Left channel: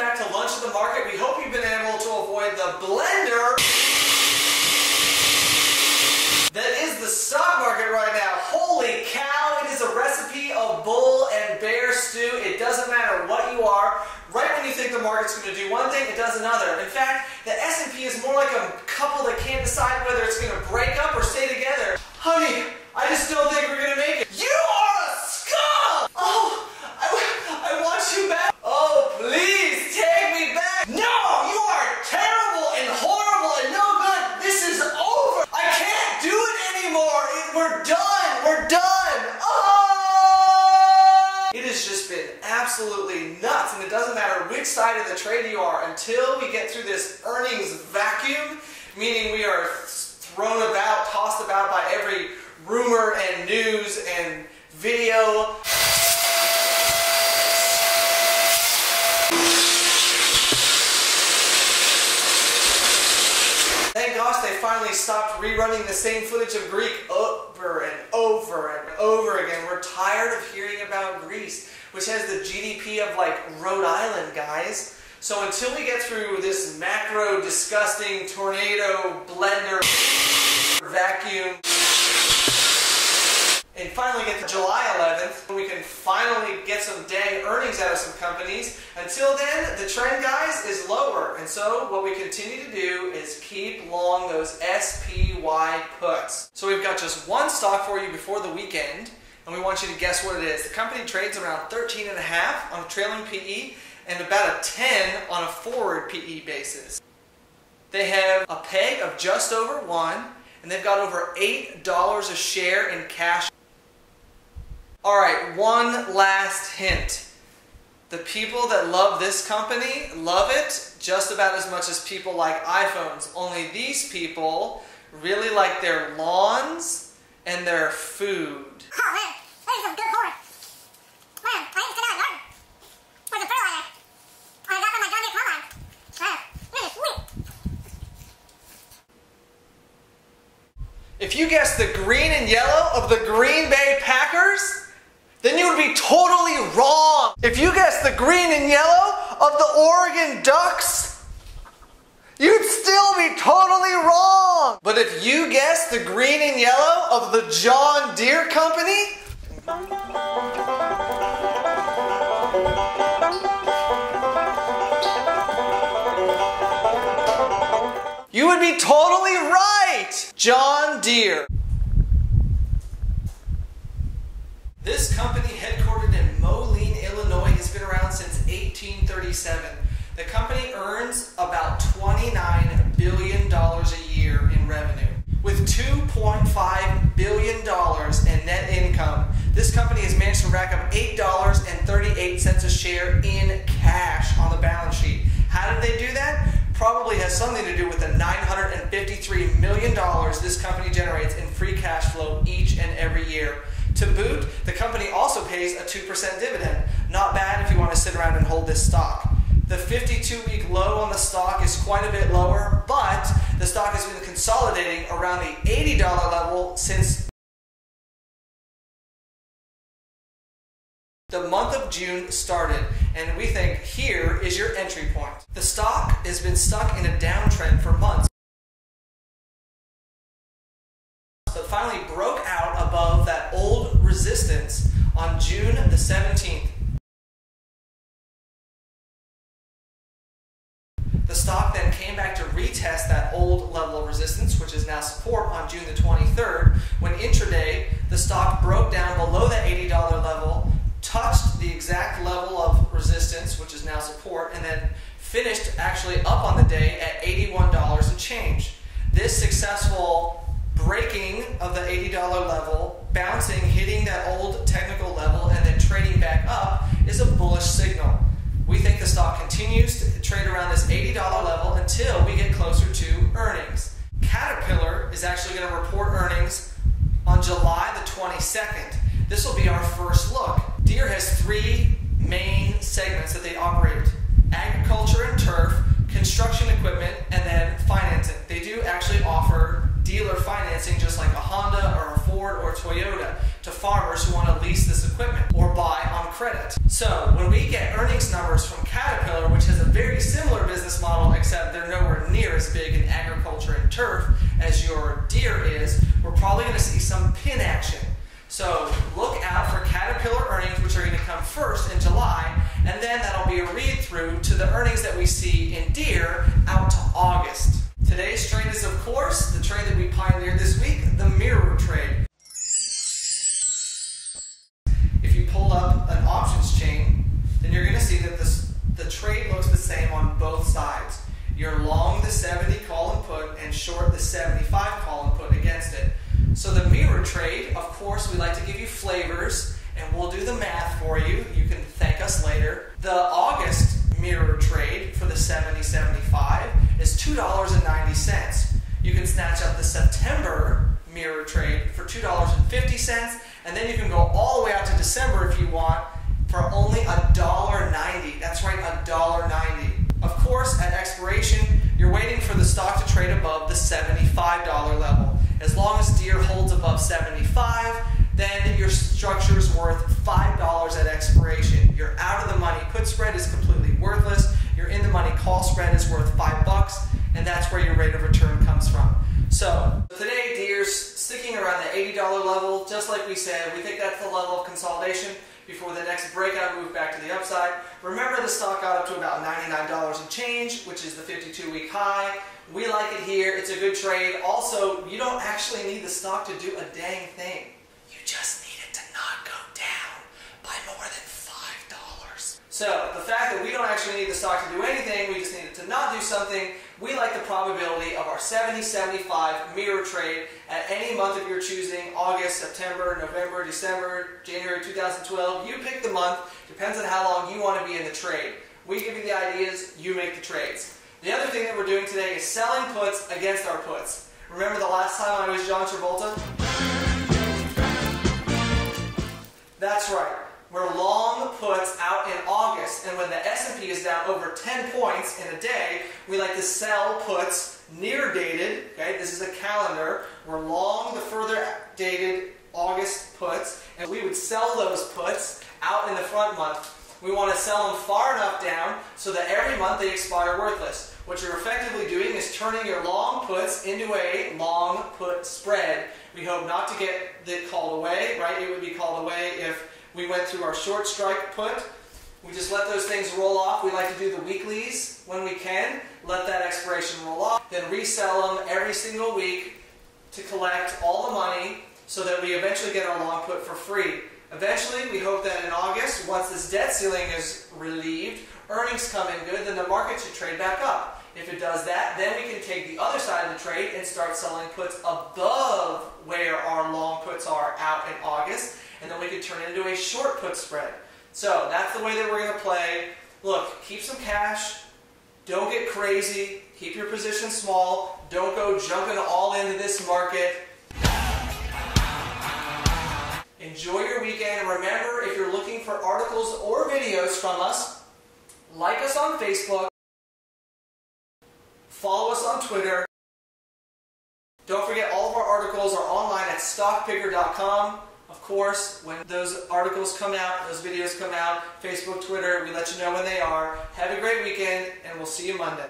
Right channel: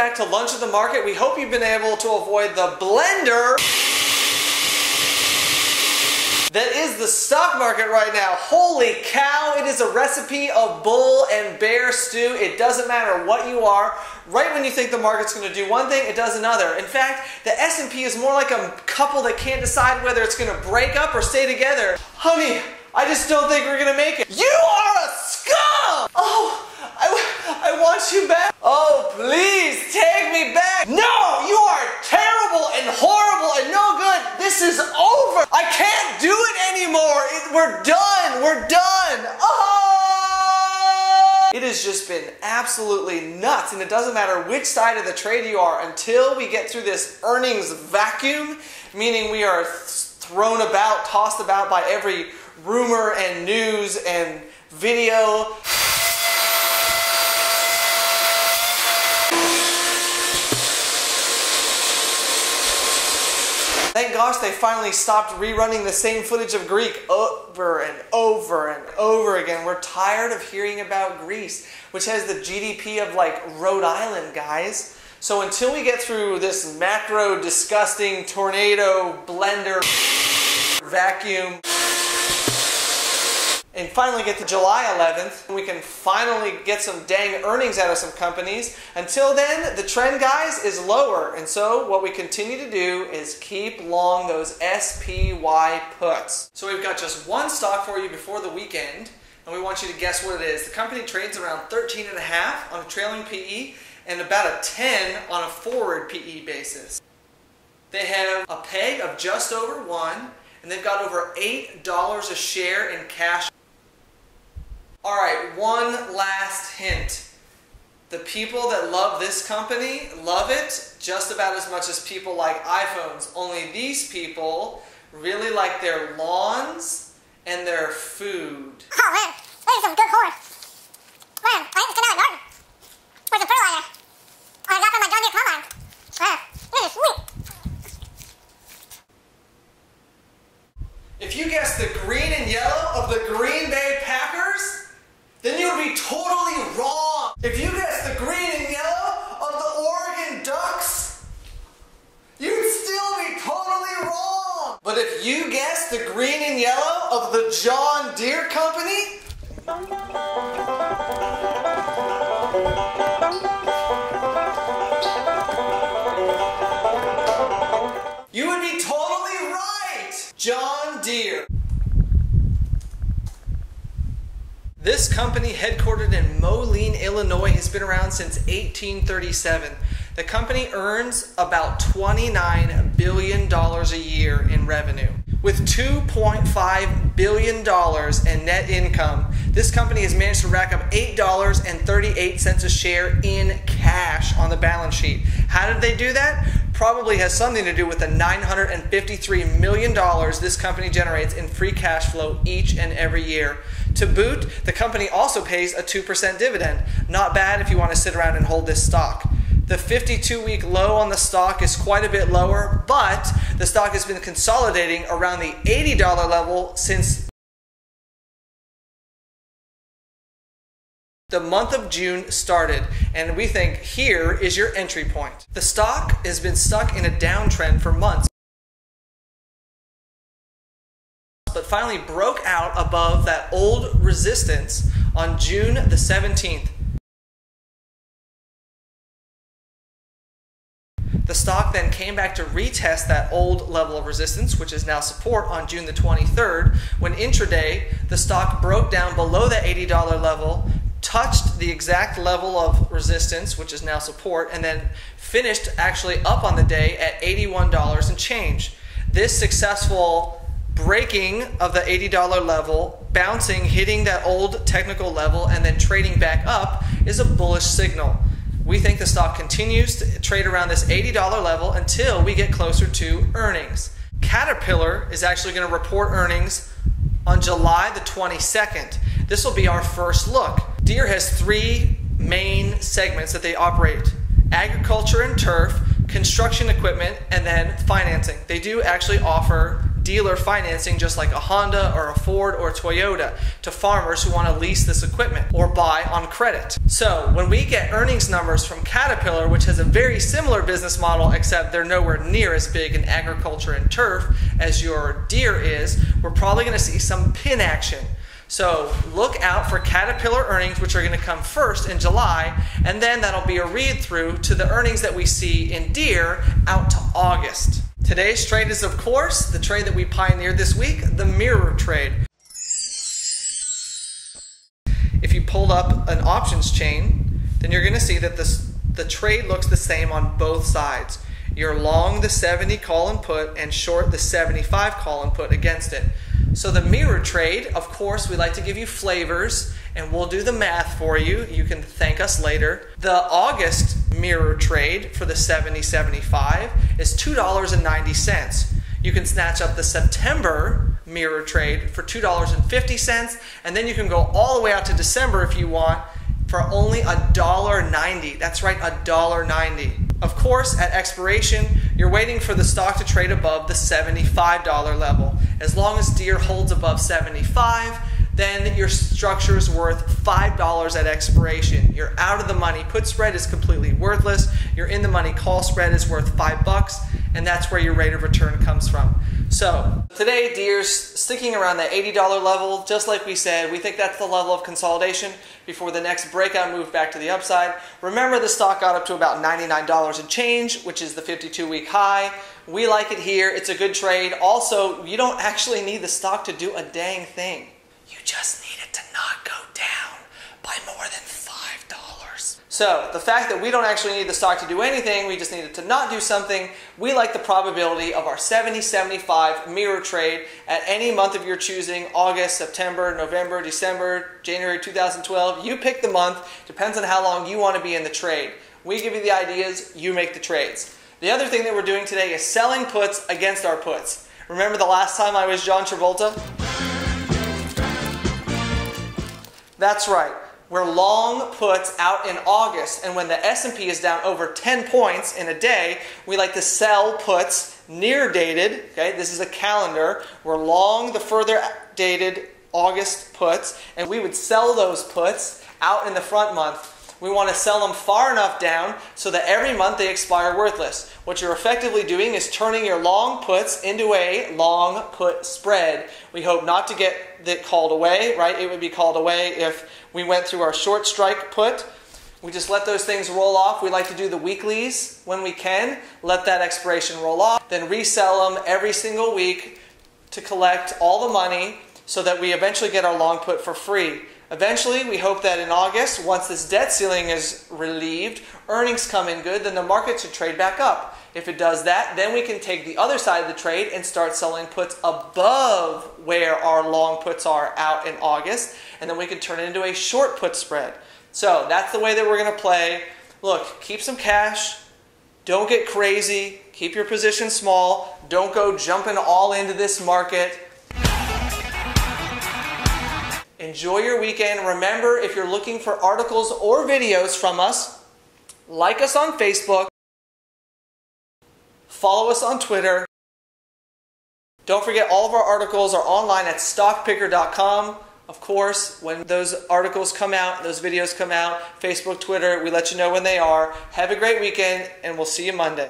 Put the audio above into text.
back to Lunch at the Market. We hope you've been able to avoid the blender that is the stock market right now. Holy cow, it is a recipe of bull and bear stew. It doesn't matter what you are. Right when you think the market's going to do one thing, it does another. In fact, the S&P is more like a couple that can't decide whether it's going to break up or stay together. Honey, I just don't think we're going to make it. You are a scum! Oh, I want you back. Oh, please take me back. No, you are terrible and horrible and no good. This is over. I can't do it anymore. We're done. We're done. Oh! It has just been absolutely nuts, and it doesn't matter which side of the trade you are until we get through this earnings vacuum, meaning we are thrown about, tossed about by every rumor and news and video. Thank gosh they finally stopped rerunning the same footage of Greece over and over and over again. We're tired of hearing about Greece, which has the GDP of like Rhode Island, guys. So until we get through this macro, disgusting tornado, blender, vacuum, and finally get to July 11th, we can finally get some dang earnings out of some companies. Until then, the trend, guys, is lower. And so what we continue to do is keep long those SPY puts. So we've got just one stock for you before the weekend, and we want you to guess what it is. The company trades around 13.5 on a trailing PE and about a 10 on a forward PE basis. They have a peg of just over 1, and they've got over $8 a share in cash. Alright, one last hint. The people that love this company love it just about as much as people like iPhones. Only these people really like their lawns and their food. Oh man, this is some good corn. Man, I just came out of the garden. Where's the fertilizer? I got from my John Deere combine. Man, this is sweet. If you guessed the green and yellow of the Green Bay Packers, then you would be totally wrong. If you guessed the green and yellow of the Oregon Ducks, you'd still be totally wrong. But if you guessed the green and yellow of the John Deere company, you would be totally right. John Deere. This company, headquartered in Moline, Illinois, has been around since 1837. The company earns about $29 billion a year in revenue. With $2.5 billion in net income, this company has managed to rack up $8.38 a share in cash on the balance sheet. How did they do that? Probably has something to do with the $953 million this company generates in free cash flow each and every year. To boot, the company also pays a 2% dividend. Not bad if you want to sit around and hold this stock. The 52-week low on the stock is quite a bit lower, but the stock has been consolidating around the $80 level since the month of June started, and we think here is your entry point. The stock has been stuck in a downtrend for months, but finally broke out above that old resistance on June the 17th. The stock then came back to retest that old level of resistance, which is now support, on June the 23rd, when intraday the stock broke down below that $80 level, touched the exact level of resistance, which is now support, and then finished actually up on the day at $81 and change. This successful breaking of the $80 level, bouncing, hitting that old technical level, and then trading back up is a bullish signal. We think the stock continues to trade around this $80 level until we get closer to earnings. Caterpillar is actually going to report earnings on July the 22nd. This will be our first look. Deere has three main segments that they operate: agriculture and turf, construction equipment, and then financing. They do actually offer dealer financing just like a Honda or a Ford or a Toyota to farmers who want to lease this equipment or buy on credit. So when we get earnings numbers from Caterpillar, which has a very similar business model except they're nowhere near as big in agriculture and turf as your Deere is, we're probably going to see some pin action. So look out for Caterpillar earnings, which are going to come first in July, and then that'll be a read through to the earnings that we see in Deere out to August. Today's trade is, of course, the trade that we pioneered this week, the mirror trade. If you pulled up an options chain, then you're going to see that the trade looks the same on both sides. You're long the 70 call and put and short the 75 call and put against it. So the mirror trade, of course, we like to give you flavors, and we'll do the math for you. You can thank us later. The August mirror trade for the 70-75 is $2.90. You can snatch up the September mirror trade for $2.50, and then you can go all the way out to December if you want for only $1.90. That's right, $1.90. Of course, at expiration, you're waiting for the stock to trade above the $75 level. As long as Deere holds above 75, then your structure is worth $5 at expiration. You're out of the money. Put spread is completely worthless. Your in the money call spread is worth $5, and that's where your rate of return comes from. So today, Deere's sticking around the $80 level. Just like we said, we think that's the level of consolidation before the next breakout move back to the upside. Remember, the stock got up to about $99 and change, which is the 52-week high. We like it here. It's a good trade. Also, you don't actually need the stock to do a dang thing. You just need it to not go down by more than $5. So the fact that we don't actually need the stock to do anything, we just need it to not do something, we like the probability of our 70-75 mirror trade at any month of your choosing, August, September, November, December, January 2012. You pick the month, depends on how long you want to be in the trade. We give you the ideas, you make the trades. The other thing that we're doing today is selling puts against our puts. Remember the last time I was John Travolta? That's right. We're long puts out in August, and when the S&P is down over 10 points in a day, we like to sell puts near dated. Okay, this is a calendar. We're long the further dated August puts, and we would sell those puts out in the front month. We want to sell them far enough down so that every month they expire worthless. What you're effectively doing is turning your long puts into a long put spread. We hope not to get that called away, right? It would be called away if we went through our short strike put. We just let those things roll off. We like to do the weeklies when we can. Let that expiration roll off. Then resell them every single week to collect all the money so that we eventually get our long put for free. Eventually, we hope that in August, once this debt ceiling is relieved, earnings come in good, then the market should trade back up. If it does that, then we can take the other side of the trade and start selling puts above where our long puts are out in August, and then we can turn it into a short put spread. So that's the way that we're going to play. Look, keep some cash. Don't get crazy. Keep your position small. Don't go jumping all into this market. Enjoy your weekend. Remember, if you're looking for articles or videos from us, like us on Facebook, follow us on Twitter. Don't forget, all of our articles are online at stockpicker.com. Of course, when those articles come out, those videos come out, Facebook, Twitter, we let you know when they are. Have a great weekend, and we'll see you Monday.